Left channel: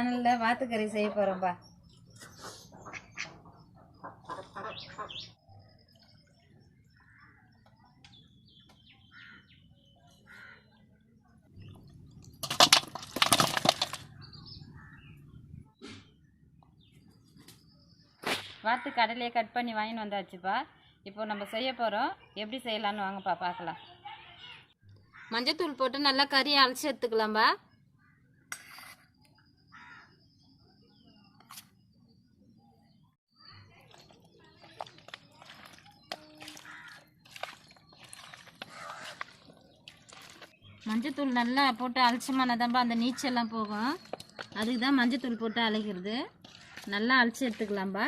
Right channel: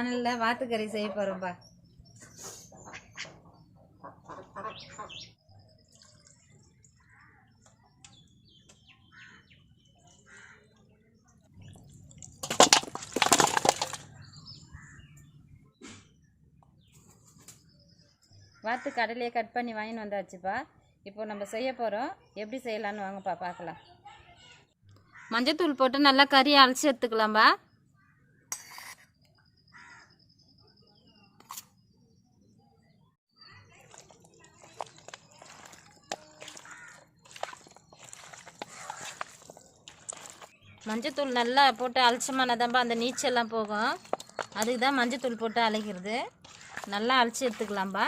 சேனலில் வாத்துக்கறி செய்ய போகிறோம்ப்பா. வாத்து கடலையை கட் பண்ணி வாங்கின்னு வந்தாச்சுப்பா. இப்போ நம்ம செய்ய போகிறோம். எப்படி செய்யலான்னு வாங்கப்பா பார்க்கலாம். மஞ்சத்தூள் போட்டு நல்லா கறியை அலசி எடுத்துக்கலாம்பா. மஞ்சத்தூள் நல்லா போட்டு அலட்சமானதாம்பா அந்த நீச்சல்லாம் போகும். அதுக்கு தான் மஞ்சத்தூள் போட்டு அழைக்கிறது. நல்லா அலசி எடுத்துக்கலாம்பா.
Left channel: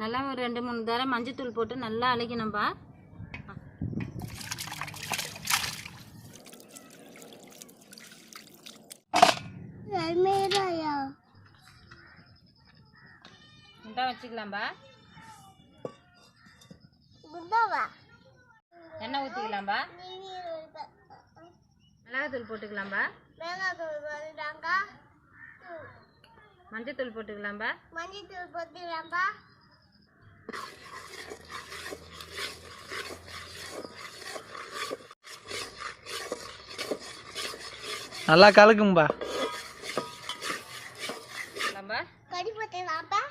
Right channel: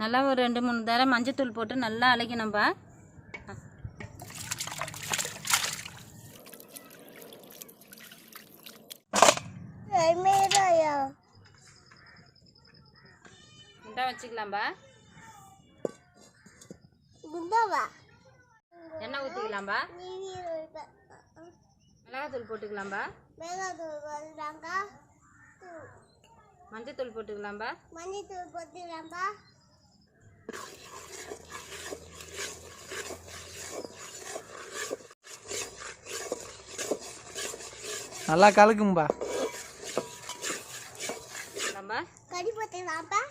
நல்லா ஒரு 2-3 தடவை மஞ்சத்தூள் போட்டு நல்லா அழைக்கணும்பா. குண்டா வச்சுக்கலாம்பா. எண்ணெய் ஊற்றிக்கலாம்பா. மிளகாத்தூள் போட்டுக்கலாம்பா. மஞ்சத்தூள் போட்டுக்கலாம்பா. நல்லா கலக்கும்பா. கறி போட்டுக்கலாம்பா.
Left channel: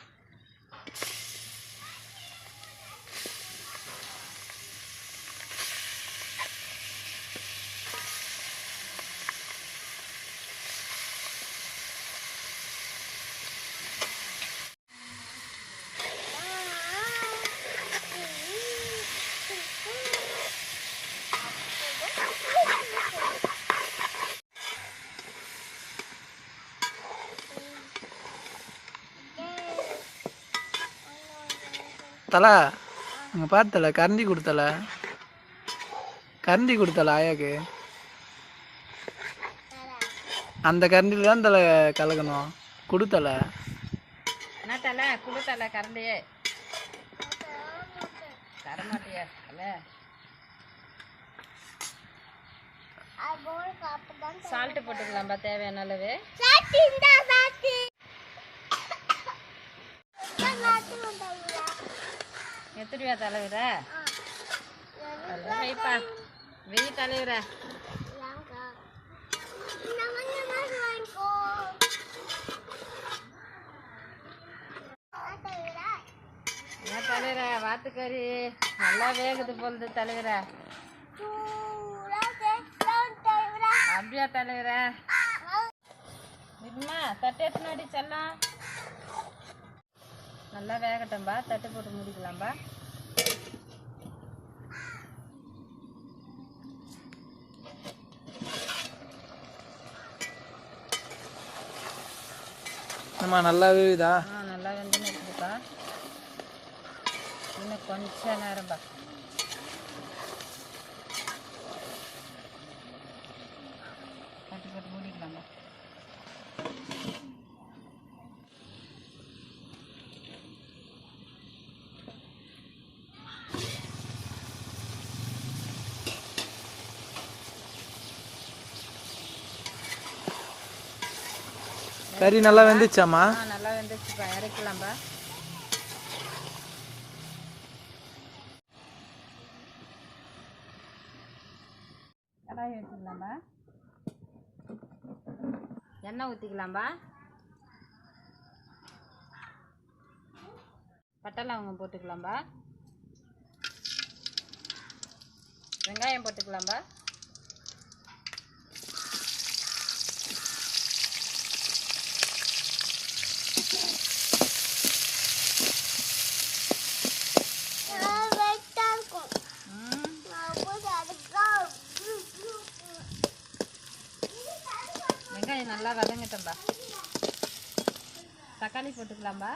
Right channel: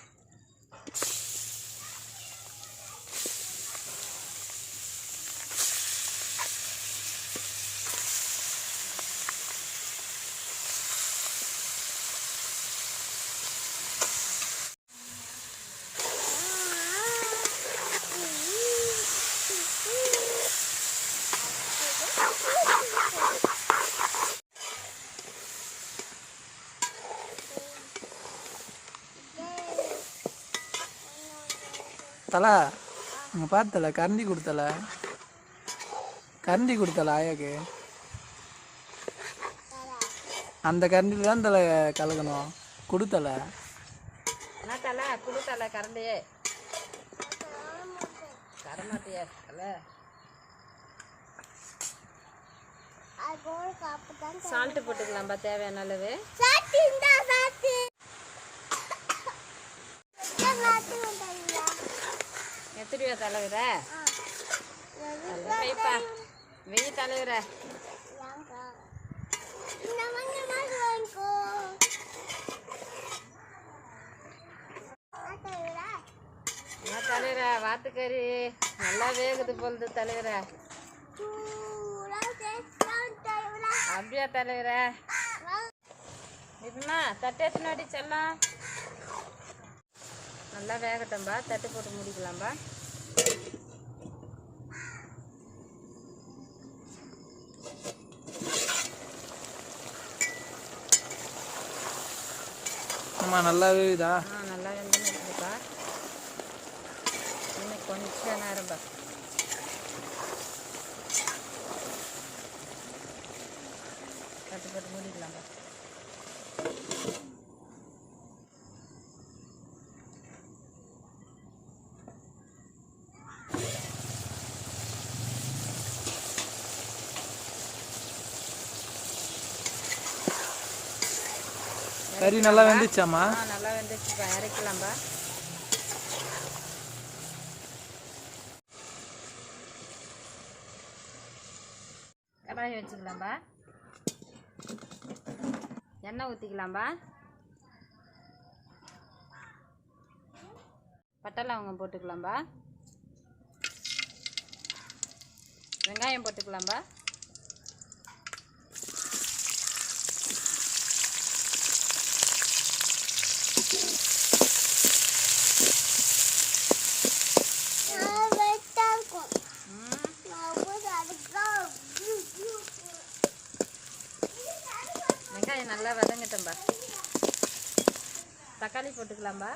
தலை அங்கே பார்த்தல கரண்டி கொடுத்தல ஆயாக்கு. அந்த கரண்டியில் தான் தலை கலக்கணும். கொடுத்தல என்ன தலை கொடுத்தல கரண்டியே தரமாட்டியா தலை. சால்ட்டு போட்டுக்கலாம்பா தேவையான அளவு. எத்தனையா தலைவர வைப்பா வெயி தலைவர. என்ன தலைவர வாத்துக்கறி நல்லா வேகுது போகுது தலைவர. அப்படியா தலைவர. இப்பமா தட்டு எத்தனாடி செல்லாம் நல்லா வேகட்டும்பா. தட்டு போட்டு முடிக்கலாம்பா. ஆமாம் நல்லா வேகுதா. நல்லா வெந்துன்னு இருக்குதுப்பா. இன்னும் கொஞ்சம் நேரம்பா. தட்டு போட்டு முடிக்கலாம்பா. கறி நல்லா வெந்துச்சாம்மா. நல்லா வெந்துச்சு. இறக்கலாம்பா. கடாயை வச்சுக்கலாம்பா. எண்ணெய் ஊற்றிக்கலாம்பா. பட்டை லவங்கம் போட்டுக்கலாம்பா. வெங்காயம் போட்டுக்கலாம்பா. வெங்காயம் நல்லா வதங்கட்டும்பா. தக்காளி போட்டுக்கலாம்பா.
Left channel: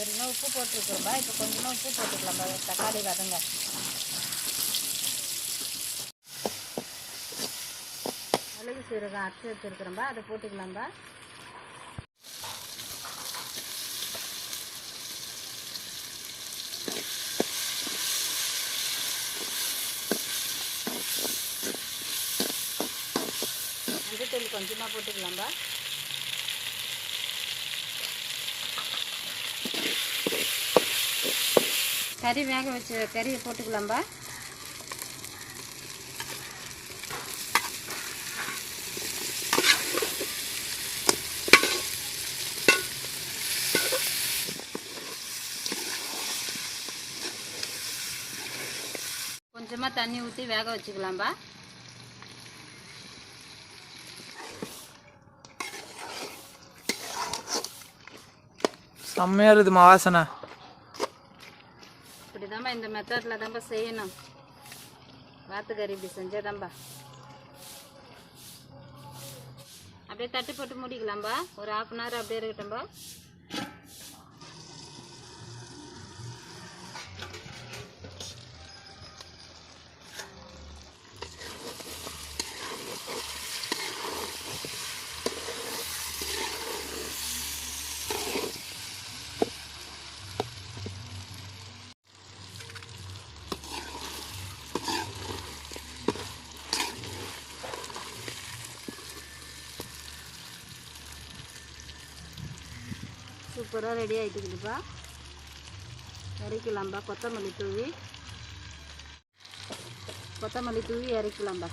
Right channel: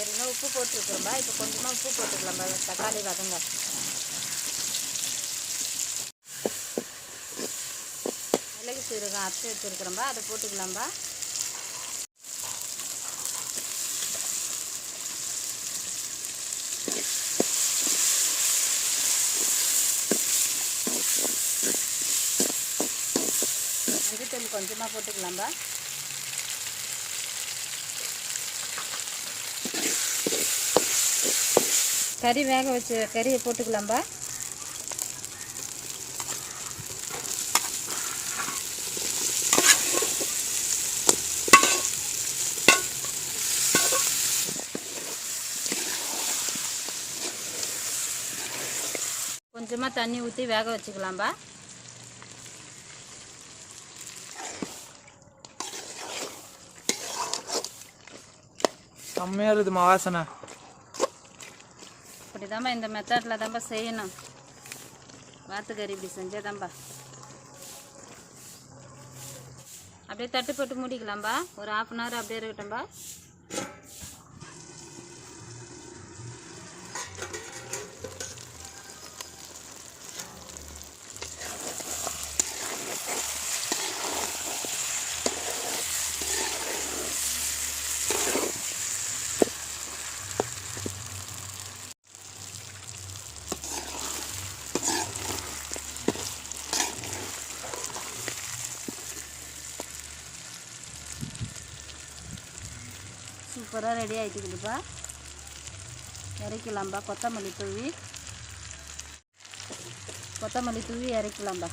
ஏற்கனவே உப்பு போட்டுருக்கோம்பா. இப்போ கொஞ்சமாக உப்பு போட்டுக்கலாம்பா. தக்காளி வதங்க. மிளகு சீரகம் அரைச்சி வச்சுருக்குறோம்பா, அதை போட்டுக்கலாம்பா. மஞ்சத்தூள் கொஞ்சமாக போட்டுக்கலாம்பா. கறி வேக வச்ச கறியை போட்டுக்கலாம்பா. கொஞ்சமாக தண்ணி ஊற்றி வேக வச்சுக்கலாம்பா. செம்மையாக இருக்குதுமா வாசனை. இப்படிதாம்பா, இந்த மெத்தடில் தான்ப்பா செய்யணும். வாத்துக்கறி இப்படி செஞ்சதாம்பா. அப்படியே தட்டு போட்டு மூடிக்கலாம்பா. ஒரு 1/2 hour அப்படியே இருக்கட்டும்பா. சூப்பராக ரெடி ஆகிட்டுக்குதுப்பா. இறக்கலாம்பா. கொத்தமல்லி தூவி இறக்கலாம்பா.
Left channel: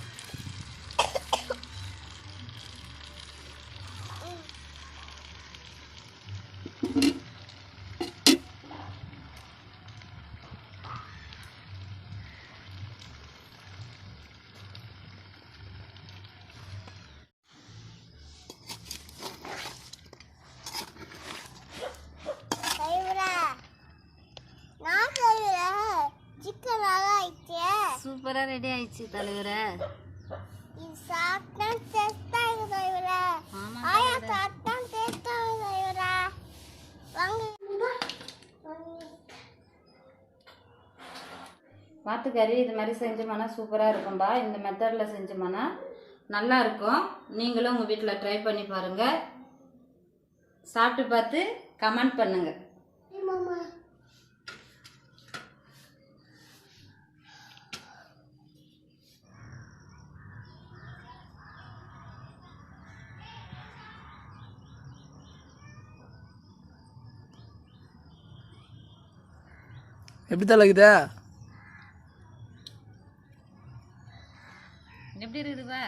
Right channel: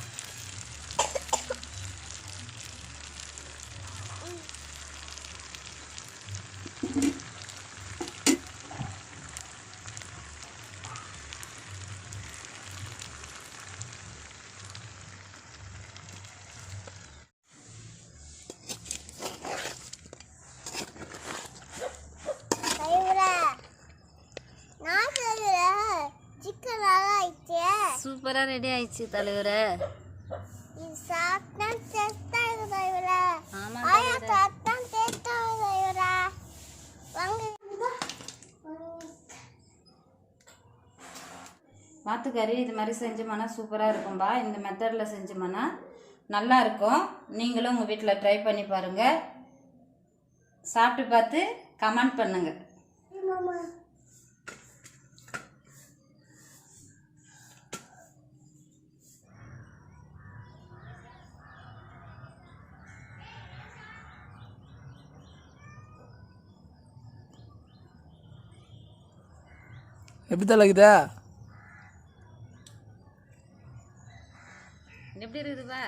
சூப்பராக ரெடி ஆயிடுச்சு தலைவரே. வாத்துக்கறி இது மாதிரி செஞ்சோம்னா சூப்பராக இருக்கும்பா. இந்த மெத்தடில் செஞ்சோம்னா நல்லா இருக்கும். நீங்களும் உங்கள் வீட்டில் ட்ரை பண்ணி பாருங்கள். சாப்பிட்டு பார்த்து கமெண்ட் பண்ணுங்கள். எப்படி தான் இருக்குதா? எப்படி இருக்குதுப்பா?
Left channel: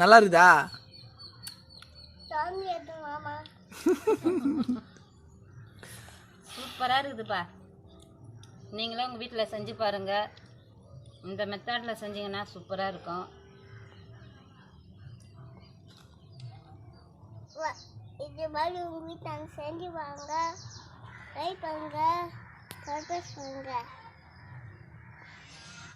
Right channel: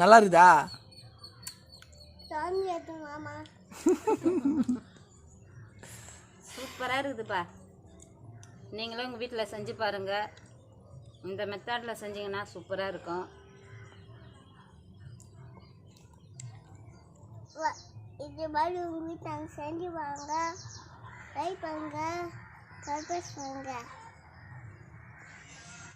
நல்லா இருக்குதா? சூப்பராக இருக்குதுப்பா. நீங்களும் உங்கள் வீட்டில் செஞ்சு பாருங்கள். இந்த மெத்தடில் செஞ்சிங்கன்னா சூப்பராக இருக்கும். இது மாதிரி உங்கள் வீட்டில் செஞ்சு வாங்க. ட்ரை பண்ணுங்க. சர்ப்ரைஸ் பண்ணுங்க.